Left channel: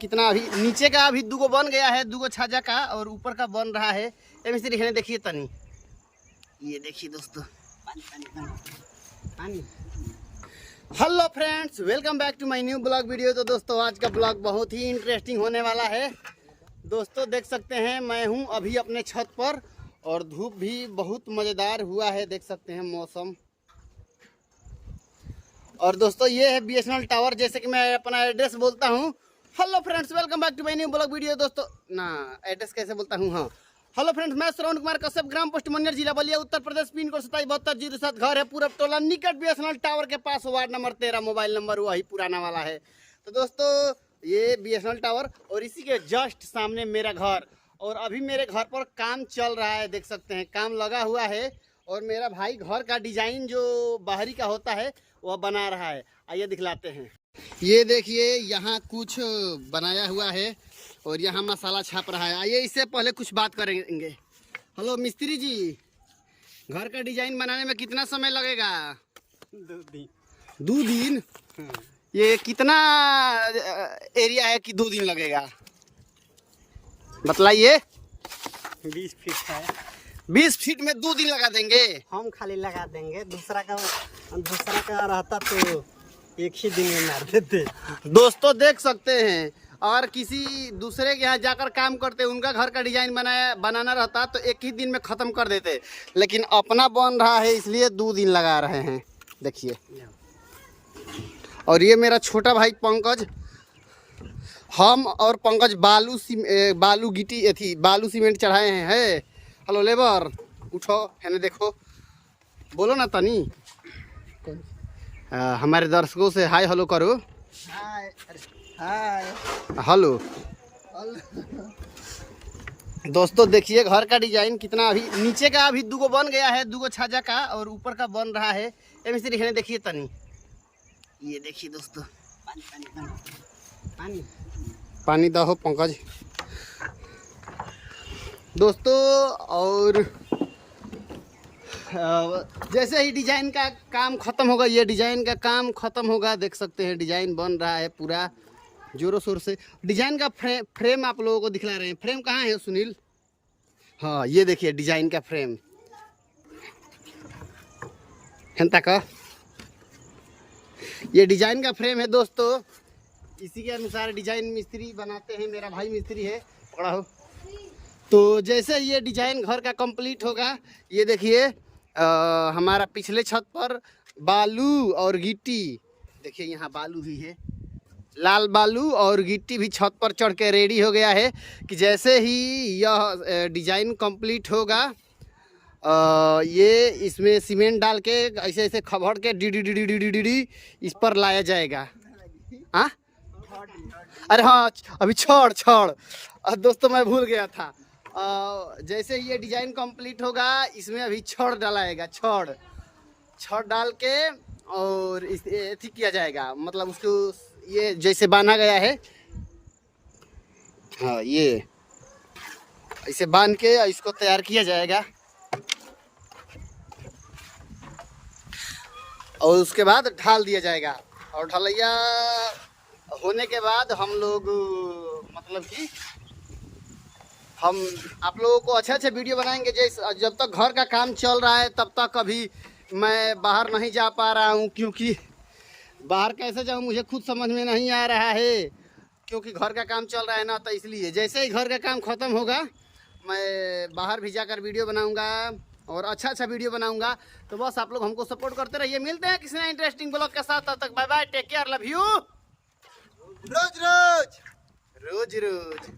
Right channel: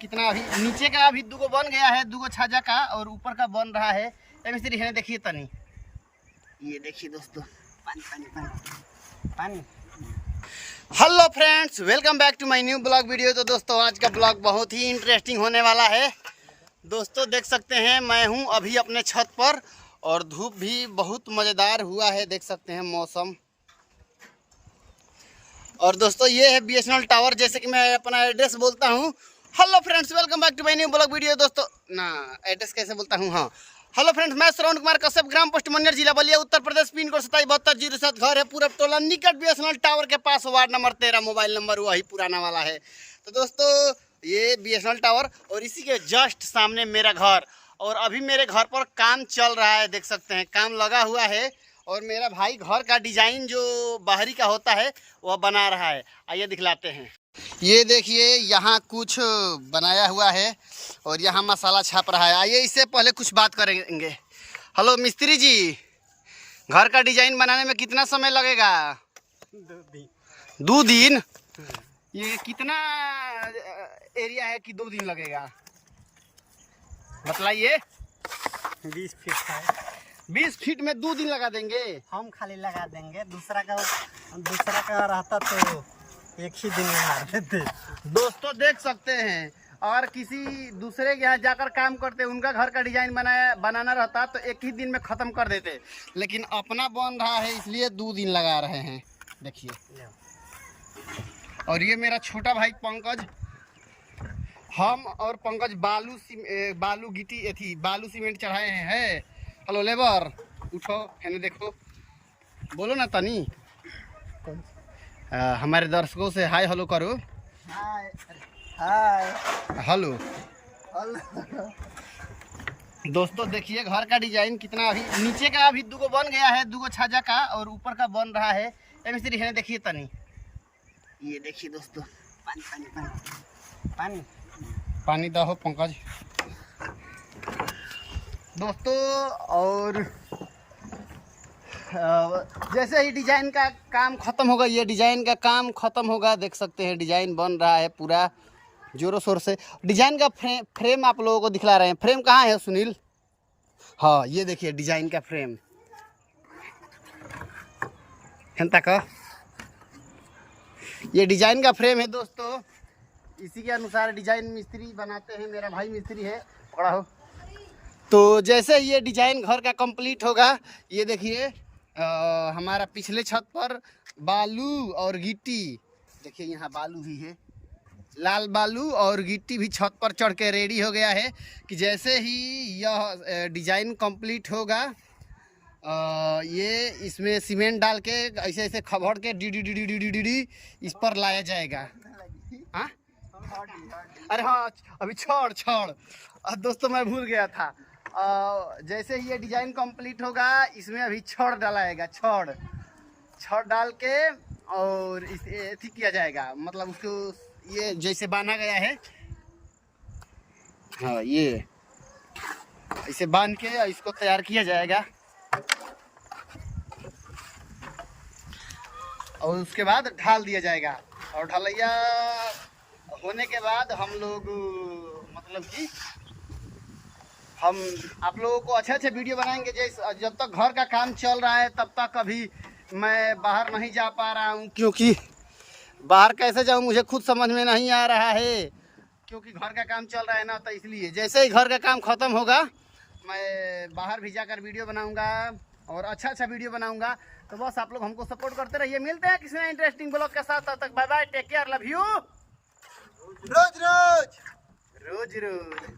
कितना अभी नीचे का अभी दुगो बन गया है, दुगो छाजा का, और ऊपर का बन रहा है। मिस्त्री दिखने देखिए तनी, ये देखिए दोस्तों, पानी पानी पानी पानी। Hello friends, welcome back to my new blog video. तो दोस्तों आज का ब्लॉग बहुत ही इंटरेस्टिंग होने वाला है। दोस्तों देख सकते हैं मैं हूं अभी अपने छत पर और धूप भी बहुत मज़ेदार हुआ है, देख सकते हैं मौसम। और दोस्तों ये है बीएसएनएल टावर, जैसे कि मैं अपना एड्रेस बोलता हूं। Hello friends, welcome back to my new blog video. दोस्तों ना एड्रेस कैसे बोलता हूं, हाँ हेलो फ्रेंड्स, मैं श्रवण कुमार कश्यप, ग्राम पोस्ट मनियर, जिला बलिया, उत्तर प्रदेश, पिन कोड 277207। घर है पूरब टोला, निकट बीएसएनएल टावर के पास, वार्ड नंबर 13, मोबाइल नंबर वही पुराना वाला है। तो दोस्तों ये बीएसएनएल टावर और इसी के जस्ट सामने मेरा घर, और अभी मेरे घर पर काम चल रहा है, देख सकते हैं काम लगा हुआ है। और मेरा भाई घर का डिजाइन जो बाहरी का होता है वह बना रहा है, आइए दिखलाते हैं। ये देखिए यहाँ कुछ बनाया हुआ है और यहाँ मसाला छाप रहा है। आइए इससे पहले कुछ बात करेंगे। हेलो मिस्त्री जी, घर का डिजाइन बनाने में कितना समय लगेगा? 2 दिन। ये कितना एरिया है कि 2 दिन लगेगा, बतलाइए। 20 फीट है। 20 फीट में 2 दिन लगा देंगे? हम खाली लगा देंगे, दूसरा का रहता तो एक ही दिन में मार देते। दोस्तों देख सकते हैं, और किसी दूसरे के यहाँ जाकर काम करते, उनका घर का डिजाइन बनाना रहता तो एक ही दिन में ख़त्म कर देते, लेकिन अपना बन रहा है इसलिए 2 दिन लगा रहे हैं, देखिए। और ये मेरा छोटा भाई पंकज, हम और पंकज बालू गिट्टी थी, बालू सीमेंट चढ़ाए हैं। हेलो लेबर, उठो है देखो, बोलो ना तनी। हमारे दर्शकों से हाय हेलो करो। हाय हाय हेलो। दोस्तों देखिए घर का डिजाइन कितना, अभी नीचे का अभी दुगो बन गया है, दुगो छाजा का, और ऊपर का बन रहा है। मिस्त्री दिखने देखिए तनी, ये देखिए दोस्तों, पानी पानी पानी पानी पानी दो पंकज। दोस्तों और जैसे ही डिजाइन का काम ख़त्म होगा, ये डिजाइन का काम ख़त्म होगा, देख सकते हैं डिजाइन बन रहा है पूरा जोरों शोर से। डिजाइन का फ्रेम आप लोगों को दिखला रहे हैं। फ्रेम कहाँ है सुनील? हाँ ये देखिए डिजाइन का फ्रेम है का, ये डिजाइन का फ्रेम है दोस्तों। इसी के अनुसार डिजाइन मिस्त्री बनाते हैं, मेरा भाई मिस्त्री है, पकड़ा हो। तो जैसे ये डिजाइन घर का कंप्लीट होगा, ये देखिए हमारा पिछले छत पर बालू और गिट्टी, देखिए यहाँ बालू भी है, लाल बालू और गिट्टी भी छत पर चढ़ के रेडी हो गया है कि जैसे ही यह डिजाइन कंप्लीट होगा, ये इसमें सीमेंट डाल के ऐसे ऐसे खबड़ के डी इस पर लाया जाएगा। हाँ अरे हाँ, अभी छड़ दोस्तों मैं भूल गया था। जैसे ही ये डिजाइन कंप्लीट होगा, इसमें अभी छड़ डालाएगा, छड़ डाल के और इसे किया जाएगा, मतलब उसको ये जैसे बांधा गया है, हाँ ये ऐसे बांध के इसको तैयार किया जाएगा। और उसके बाद ढाल दिया जाएगा, और ढलैया होने के बाद हम लोग मतलब कि हम आप लोगों को अच्छे अच्छे वीडियो बनाएंगे। जैसे जब तक घर का काम चल रहा है तब तक अभी मैं बाहर नहीं जा पा रहा हूँ, क्योंकि बाहर कैसे जाऊँ मुझे खुद समझ में नहीं आ रहा है, क्योंकि घर का काम चल रहा है ना। तो इसलिए जैसे ही घर का काम ख़त्म होगा मैं बाहर भी जाकर वीडियो बनाऊँगा और अच्छा अच्छा वीडियो बनाऊँगा। तो बस आप लोग हमको सपोर्ट करते रहिए। मिलते हैं किसी इंटरेस्टिंग ब्लॉग के साथ, तब तक bye bye, take care, love you. रोज रोज।